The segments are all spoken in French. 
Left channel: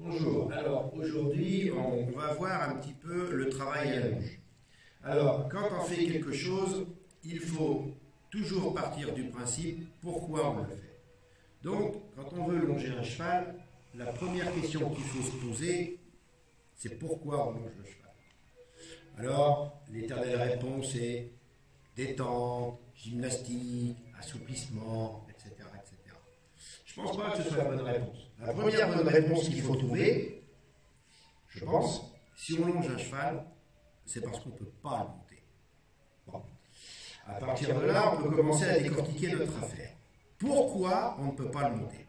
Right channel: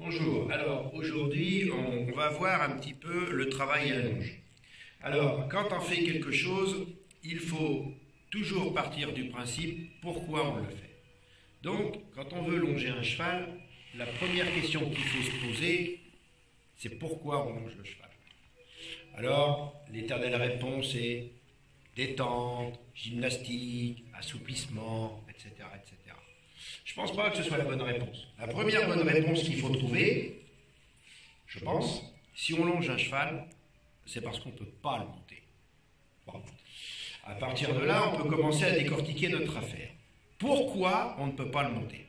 Bonjour, alors aujourd'hui on va voir un petit peu le travail à la longe. Alors quand on fait quelque chose, il faut toujours partir du principe pourquoi on le fait. Donc quand on veut longer un cheval, la première question qu'il faut se poser, c'est pourquoi on longe le cheval. Alors l'éternelle réponse est détente, gymnastique, assouplissement, etc. etc. Je ne pense pas que ce soit la bonne réponse. La première bonne réponse qu'il faut trouver, je pense, si on longe un cheval, c'est parce qu'on ne peut pas le monter. Bon. À partir de là, on peut commencer à décortiquer notre affaire. Pourquoi on ne peut pas le monter?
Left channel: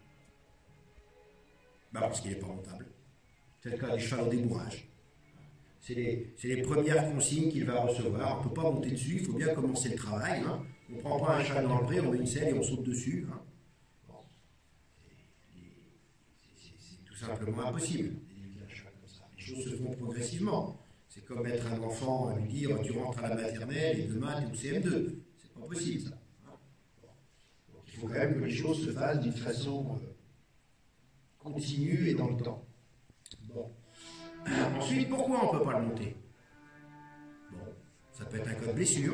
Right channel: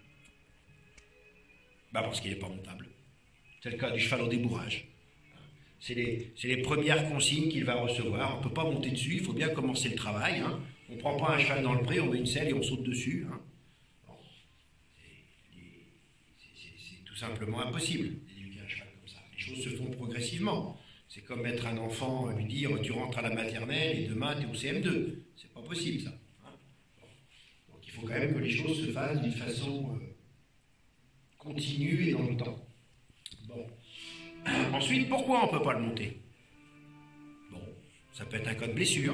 Parce qu'il n'est pas montable. C'est le cas du cheval au débourrage. C'est les premières consignes qu'il va recevoir. On ne peut pas monter dessus, il faut bien commencer le travail. Hein. On ne prend pas un cheval dans le pré, on met une selle et on saute dessus. Hein. C'est tout simplement impossible d'éduquer un cheval comme ça. Les choses se font progressivement. C'est comme mettre un enfant, lui dire tu rentres à la maternelle et demain tu es au CM2. C'est pas possible ça. Hein. Donc il faut quand même que les choses se fassent d'une façon continue et dans le temps. Bon. Ensuite, pourquoi on ne peut pas le monter? Bon, ça peut être un cas de blessure.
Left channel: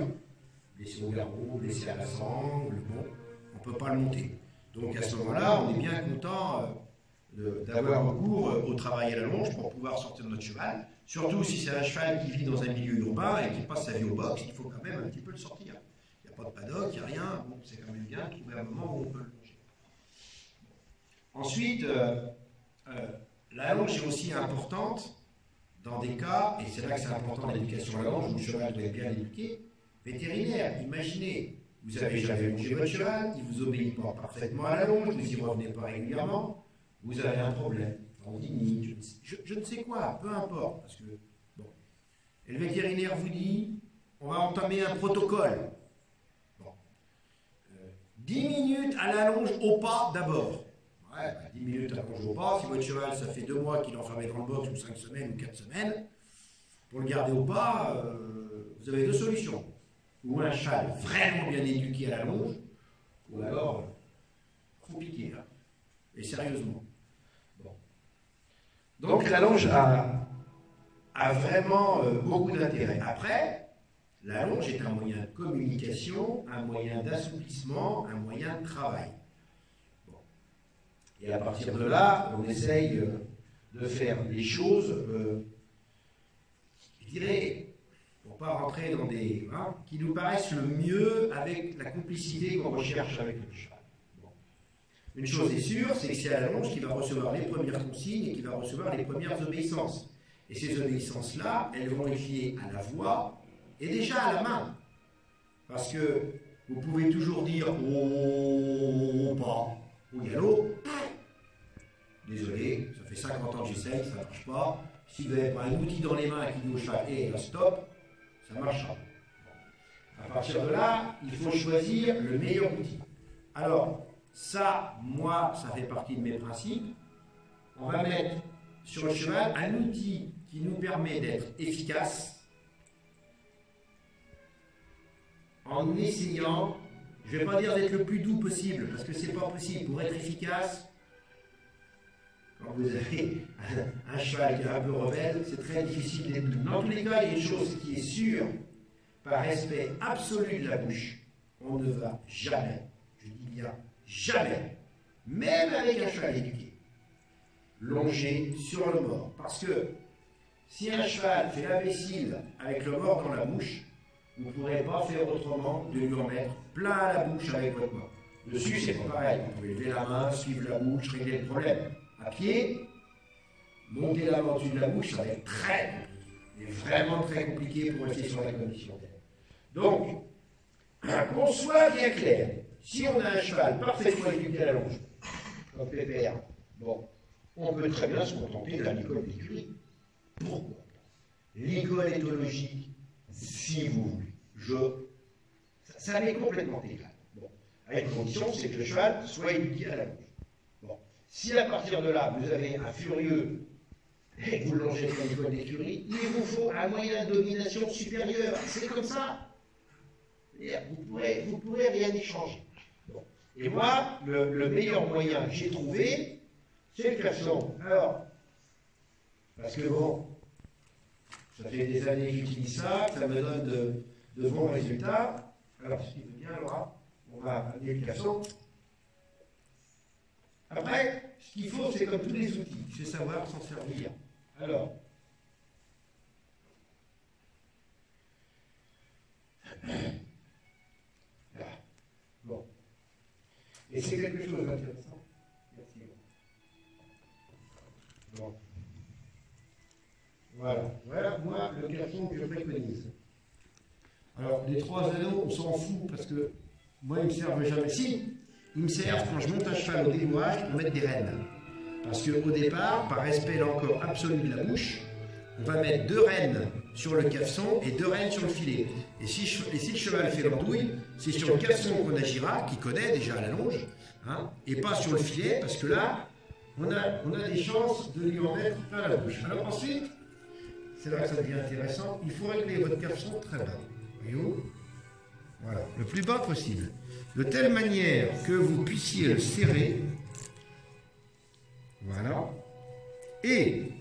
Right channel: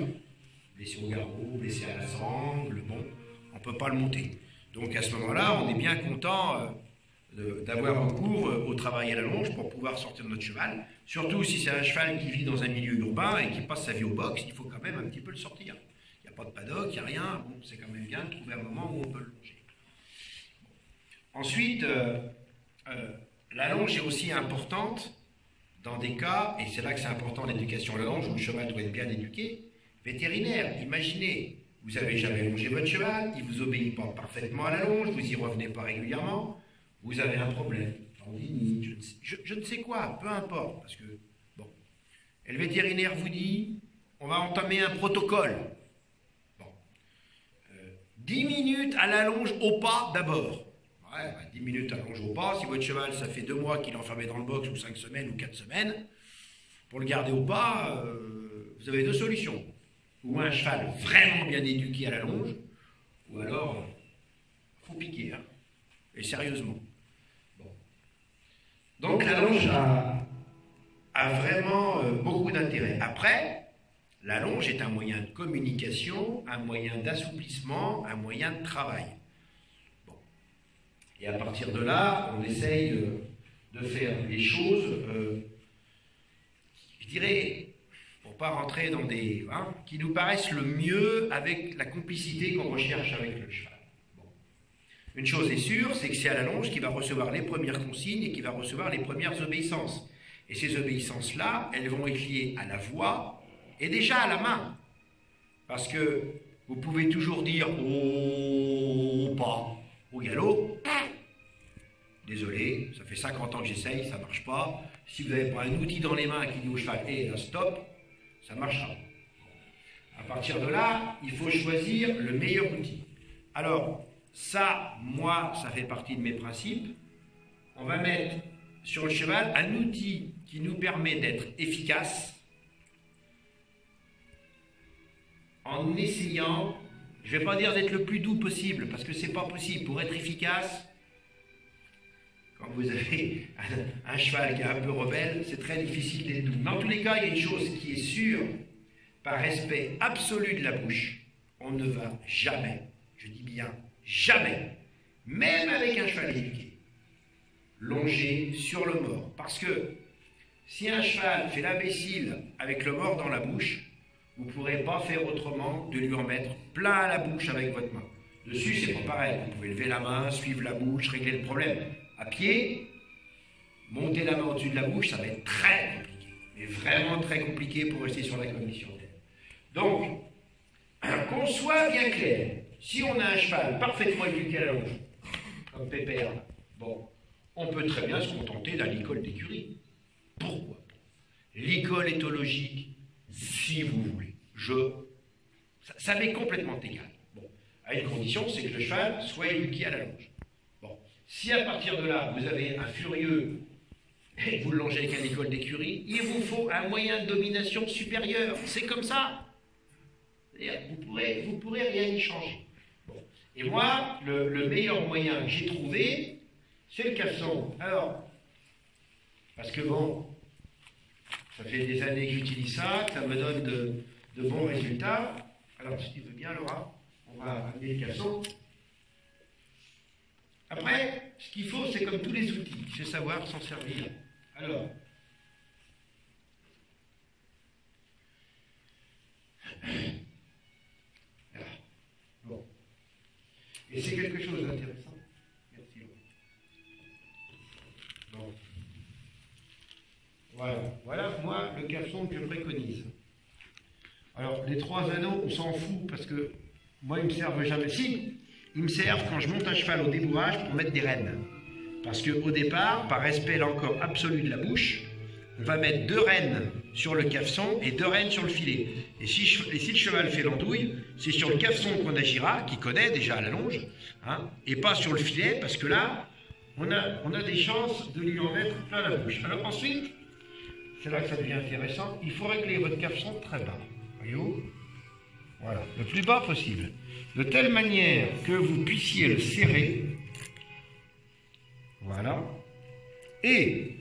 Blessé au garrot, blessé à la sangle, bon, on ne peut pas le monter. Donc à ce moment-là, on est bien content d'avoir recours au travail à la longe pour pouvoir sortir de notre cheval. Surtout si c'est un cheval qui vit dans un milieu urbain et qui passe sa vie au box, il faut quand même un petit peu le sortir. Il n'y a pas de paddock, il n'y a rien, bon, c'est quand même bien de trouver un moment où on peut le longer. Bon. Ensuite, la longe est aussi importante dans des cas, et c'est là que c'est important l'éducation à la longe, où le cheval doit être bien éduqué, vétérinaire. Imaginez, vous n'avez jamais longé votre cheval, il ne vous obéit pas parfaitement à la longe, vous n'y revenez pas régulièrement, vous avez un problème, tendinite, je ne sais quoi, peu importe, parce que, bon, et le vétérinaire vous dit, on va entamer un protocole. Bon, 10 minutes à la longe au pas d'abord. Ouais, 10 minutes à longe au pas, si votre cheval, ça fait 2 mois qu'il est enfermé dans le box, ou 5 semaines, ou 4 semaines, pour le garder au pas, vous avez 2 solutions. Ou un cheval vraiment bien éduqué à la longe, ou alors, il faut piquer, hein, et sérieusement. Bon. Donc la longe a vraiment beaucoup d'intérêt. Après, la longe est un moyen de communication, un moyen d'assouplissement, un moyen de travail. Bon. Et à partir de là, on essaye de faire les choses, je dirais, pour ne pas rentrer dans des... Hein, qui nous paraissent le mieux avec la complicité qu'on recherche avec le cheval. Bon. Une chose est sûre, c'est que c'est à la longe qu'il va recevoir les premières consignes et qu'il va recevoir les premières obéissances. Et ces obéissances-là, elles vont être liées à la voix et déjà à la main. Parce que vous pouvez toujours dire « au pas », au galop. Désolé, ça fait 50 ans que j'essaye, ça ne marche pas. Si vous n'avez pas un outil dans les mains qui dit au cheval « hé, là, stop », ça marchera. À partir de là, il faut choisir le meilleur outil. Alors, ça, moi, ça fait partie de mes principes. On va mettre sur le cheval un outil qui nous permet d'être efficace en essayant, je ne vais pas dire d'être le plus doux possible, parce que ce n'est pas possible. Pour être efficace, quand vous avez un cheval qui est un peu rebelle, c'est très difficile d'être doux. Dans tous les cas, il y a une chose qui est sûre, par respect absolu de la bouche, on ne va jamais, je dis bien jamais, même avec un cheval éduqué, longer sur le mors. Parce que si un cheval fait l'imbécile avec le mors dans la bouche, vous ne pourrez pas faire autrement de lui en mettre plein à la bouche avec votre main. Dessus, c'est pas pareil. Vous pouvez lever la main, suivre la bouche, régler le problème. À pied, monter la main au-dessus de la bouche, ça va être très compliqué. Mais vraiment très compliqué pour rester sur la cognition. Donc, qu'on soit bien clair, si on a un cheval parfaitement éduqué à la longe, comme Pépère, bon, on peut très bien se contenter d'un licol d'écurie. Pourquoi? Licol éthologique, si vous voulez. Ça m'est complètement égal. Bon, à une condition, c'est que le cheval soit éduqué à la longe. Bon, si à partir de là, vous avez un furieux et vous le longez avec un licol d'écurie, il vous faut un moyen de domination supérieur. C'est comme ça. Vous pourrez rien y changer. Bon. Et moi, le meilleur moyen que j'ai trouvé, c'est le caleçon. Alors, Parce que bon, ça fait des années que j'utilise ça, que ça me donne de bons résultats. Alors, si tu veux bien, Laura, on va amener le casson. Après, ce qu'il faut, c'est comme tous les outils, c'est savoir s'en servir. Alors, bon. Et c'est quelque chose d'intéressant. Merci. Bon. Voilà, moi, le casson que je préconise. Alors, les 3 anneaux, on s'en fout parce que moi, ils me servent jamais. Si, ils me servent quand je monte à cheval au débourrage pour mettre des rênes. Parce qu'au départ, par respect là encore absolu de la bouche, on va mettre 2 rênes sur le cafeçon et 2 rênes sur le filet. Et si le cheval fait l'andouille, c'est sur le cafeçon qu'on agira, qui connaît déjà la longe, hein, et pas sur le filet, parce que là, on a des chances de lui en mettre plein la bouche. Alors ensuite, c'est là que ça devient intéressant, il faut régler votre cafeçon très bas. Voyez-vous ? Voilà, le plus bas possible. De telle manière que vous puissiez le serrer. Voilà. Et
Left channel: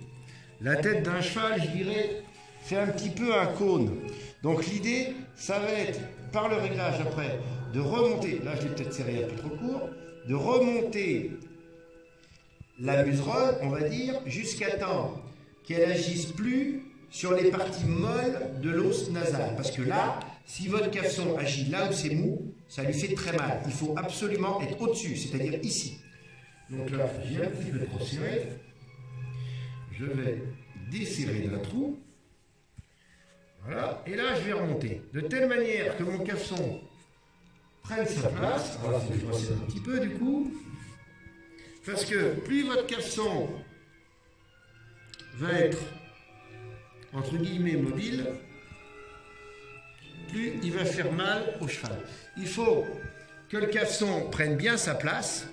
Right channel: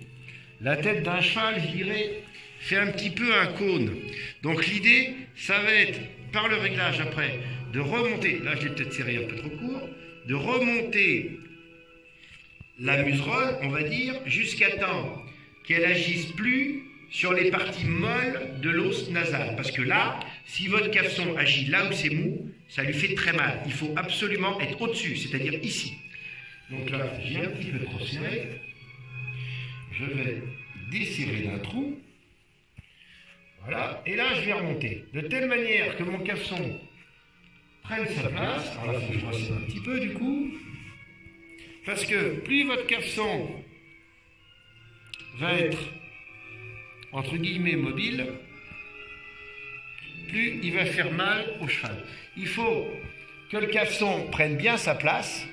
la tête d'un cheval, je dirais, fait un petit peu un cône. Donc l'idée, ça va être, par le réglage après, de remonter, là je l'ai peut-être serré un peu trop court, de remonter la muserolle, on va dire, jusqu'à temps qu'elle agisse plus sur les parties molles de l'os nasal. Parce que là, si votre cafeçon agit là où c'est mou, ça lui fait très mal. Il faut absolument être au-dessus, c'est-à-dire ici. Donc là, j'ai un petit peu trop serré. Je vais desserrer d'un trou. Voilà. Et là, je vais remonter. De telle manière que mon cafeçon prenne sa place. Alors là, il faut que je resserre un petit peu du coup. Parce que plus votre cafeçon va être entre guillemets mobile, plus il va faire mal au cheval. Il faut que le cafeçon prenne bien sa place.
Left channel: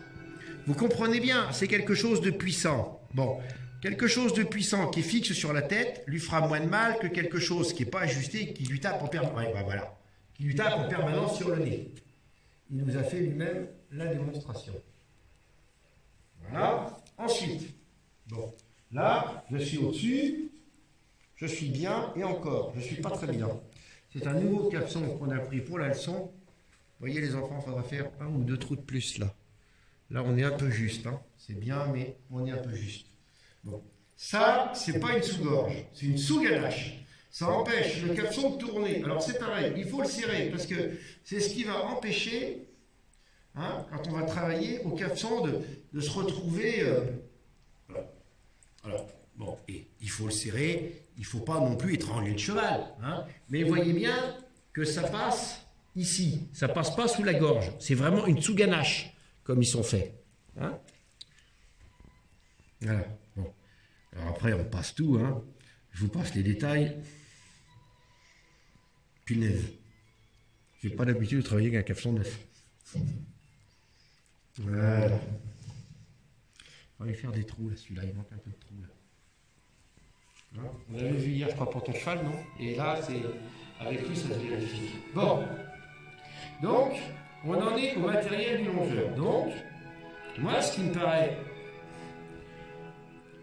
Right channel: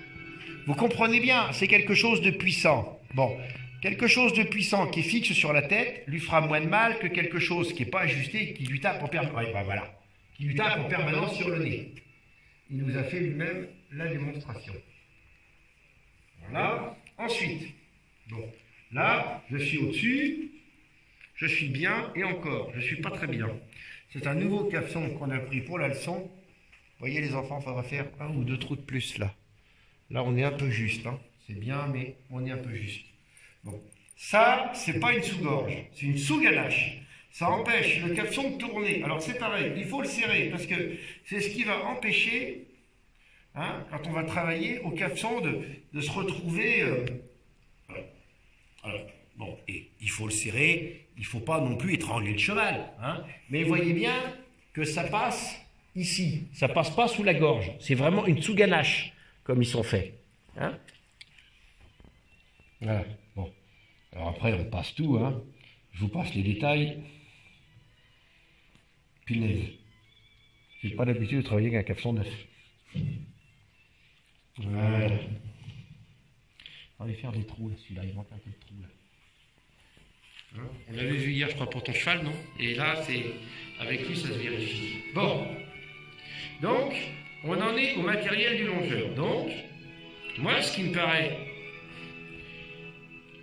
Vous comprenez bien, c'est quelque chose de puissant. Bon, quelque chose de puissant qui est fixe sur la tête lui fera moins de mal que quelque chose qui n'est pas ajusté et qui lui tape en permanence. Ouais, ben voilà, qui lui tape en permanence sur le nez. Il nous a fait lui-même la démonstration. Voilà. Ensuite, bon, là, je suis au-dessus. Je suis bien, et encore, je ne suis pas très bien. C'est un nouveau cafeçon qu'on a pris pour la leçon. Vous voyez les enfants, il faudra faire 1 ou 2 trous de plus là. Là, on est un peu juste. Hein. C'est bien, mais on est un peu juste. Bon, ça, c'est pas une sous-gorge, c'est une sous-ganache. Ça empêche le cafeçon de tourner. Alors c'est pareil, il faut le serrer, parce que c'est ce qui va empêcher, hein, quand on va travailler au cafeçon, de se retrouver... voilà. Alors, bon, et il faut le serrer, il ne faut pas non plus étrangler le cheval. Hein, mais voyez bien que ça passe ici, ça ne passe pas sous la gorge. C'est vraiment une sous-ganache, comme ils sont faits. Hein, voilà, bon. Alors après, on passe tout, hein. Je vous passe les détails. Punaise. Je n'ai pas l'habitude de travailler avec un cafeçon neuf. Voilà. On va lui faire des trous, là, celui-là, il manque un peu de trous, là. Hein, on l'avait vu hier, je crois, pour ton cheval, non? Et là, c'est avec lui, ça se vérifie. Bon. Donc, on en est au matériel du longeur. Donc, moi, ce qui me paraît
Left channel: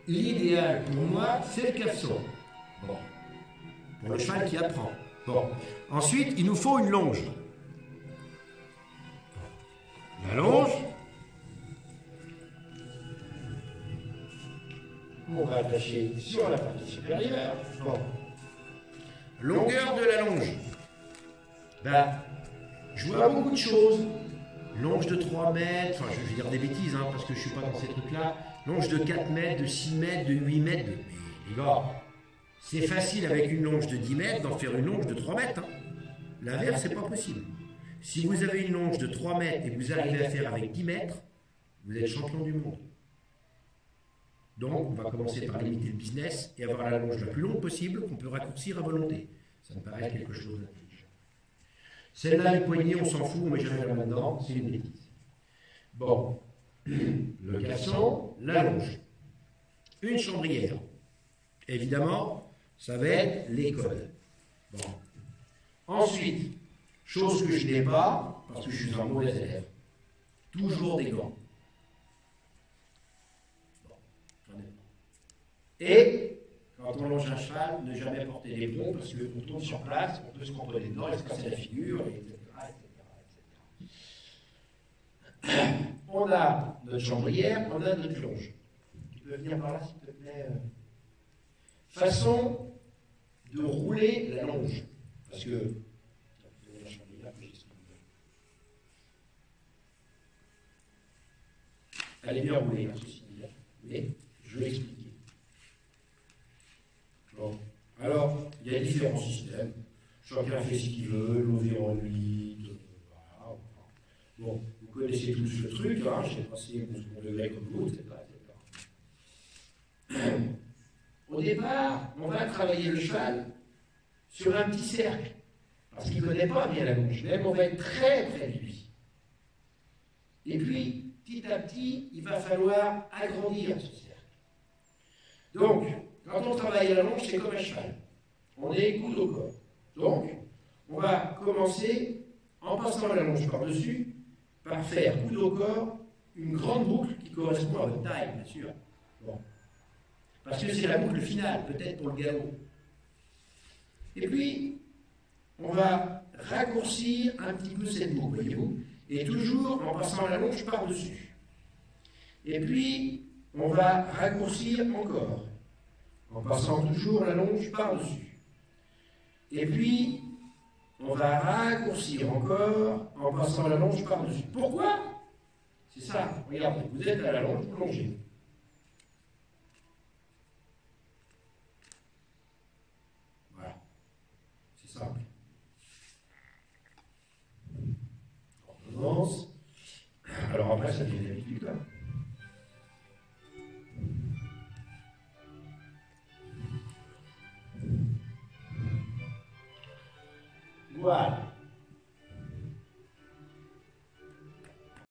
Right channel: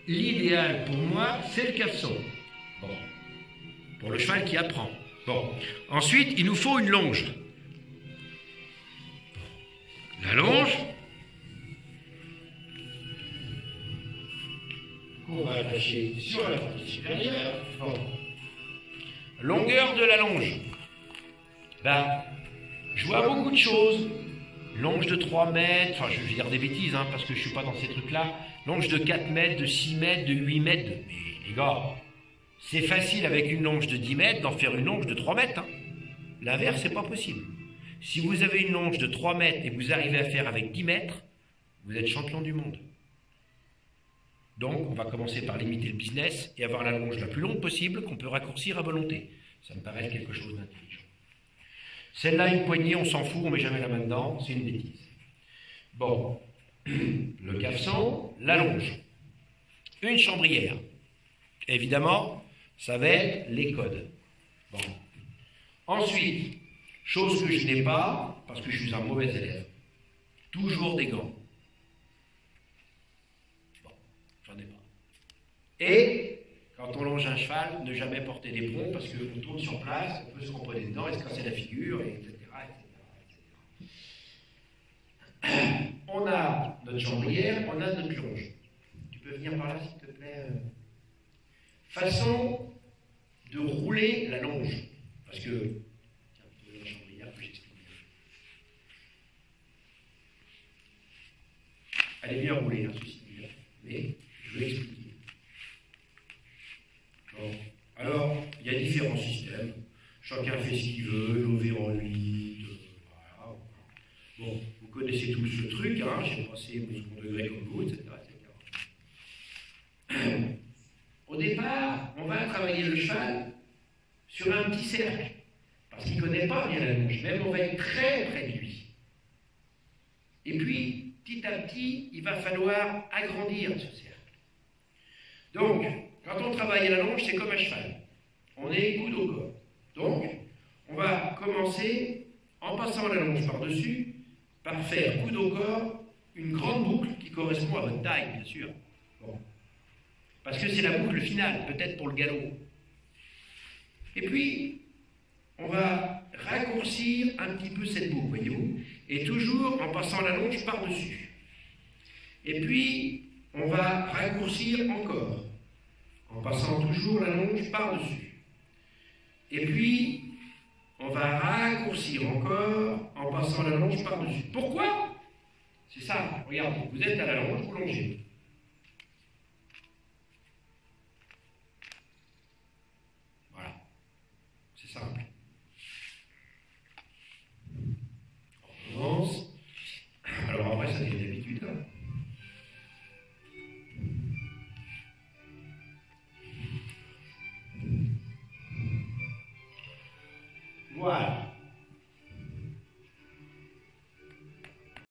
l'idéal pour moi, c'est le cafeçon. Bon. Pour le cheval qui apprend. Bon. Ensuite, il nous faut une longe. La longe, on va attacher sur la partie supérieure. Bon. Longueur de la longe. Ben, je vois beaucoup de choses. Longe de 3 mètres, enfin je vais dire des bêtises, hein, parce que je ne suis pas dans ces trucs-là. Longe de 4 mètres, de 6 mètres, de 8 mètres. Mais les gars, c'est facile avec une longe de 10 mètres d'en faire une longe de 3 mètres. Hein. L'inverse, c'est pas possible. Si vous avez une longe de 3 mètres et que vous arrivez à faire avec 10 mètres, vous êtes champion du monde. Donc, on va commencer par limiter le business et avoir la longe la plus longue possible qu'on peut raccourcir à volonté. Ça me paraît quelque chose d'intelligent. Celle-là, une poignée, on s'en fout, on ne met jamais la main dedans, c'est une bêtise. Bon, le cafeçon, la longe, une chambrière. Évidemment, ça va être les codes. Bon. Ensuite, chose que je n'ai pas, parce que je suis un mauvais élève, toujours des gants. Bon, j'en ai pas. Et Quand on longe un cheval, ne jamais porter d'éperon parce qu'on tourne sur place, on peut se cramponner dedans et se casser la figure, etc., etc. On a notre chambrière, on a notre longe. Tu peux venir par là, s'il te plaît. Façon de rouler la longe. Parce que, tiens, la chambrière que j'explique bien. Elle est bien roulée, hein, ceci dit, mais je vais expliquer. Bon. Alors, il y a différents systèmes. Chacun fait ce qu'il veut, lever en 8, voilà. Bon, vous connaissez tous ce truc, hein, j'ai passé mon second degré comme vous, etc., etc. Au départ, on va travailler le cheval sur un petit cercle, parce qu'il ne connaît pas bien la longe, même on va être très près de lui. Et puis, petit à petit, il va falloir agrandir ce cercle. Donc, quand on travaille à la longe, c'est comme un cheval. On est coude au corps. Donc, on va commencer, en passant la longe par-dessus, par faire coude au corps une grande boucle qui correspond à votre taille, bien sûr. Bon. Parce que c'est la boucle finale, peut-être pour le galop. Et puis, on va raccourcir un petit peu cette boucle, voyez-vous, et toujours en passant la longe par-dessus. Et puis, on va raccourcir encore, en passant toujours la longe par-dessus. Et puis, on va raccourcir encore, en passant la longe par-dessus. Pourquoi? C'est simple, regardez, vous êtes à la longe, vous longez. Voilà, c'est simple. On commence. Alors après, ça devient l'habitude. Voilà.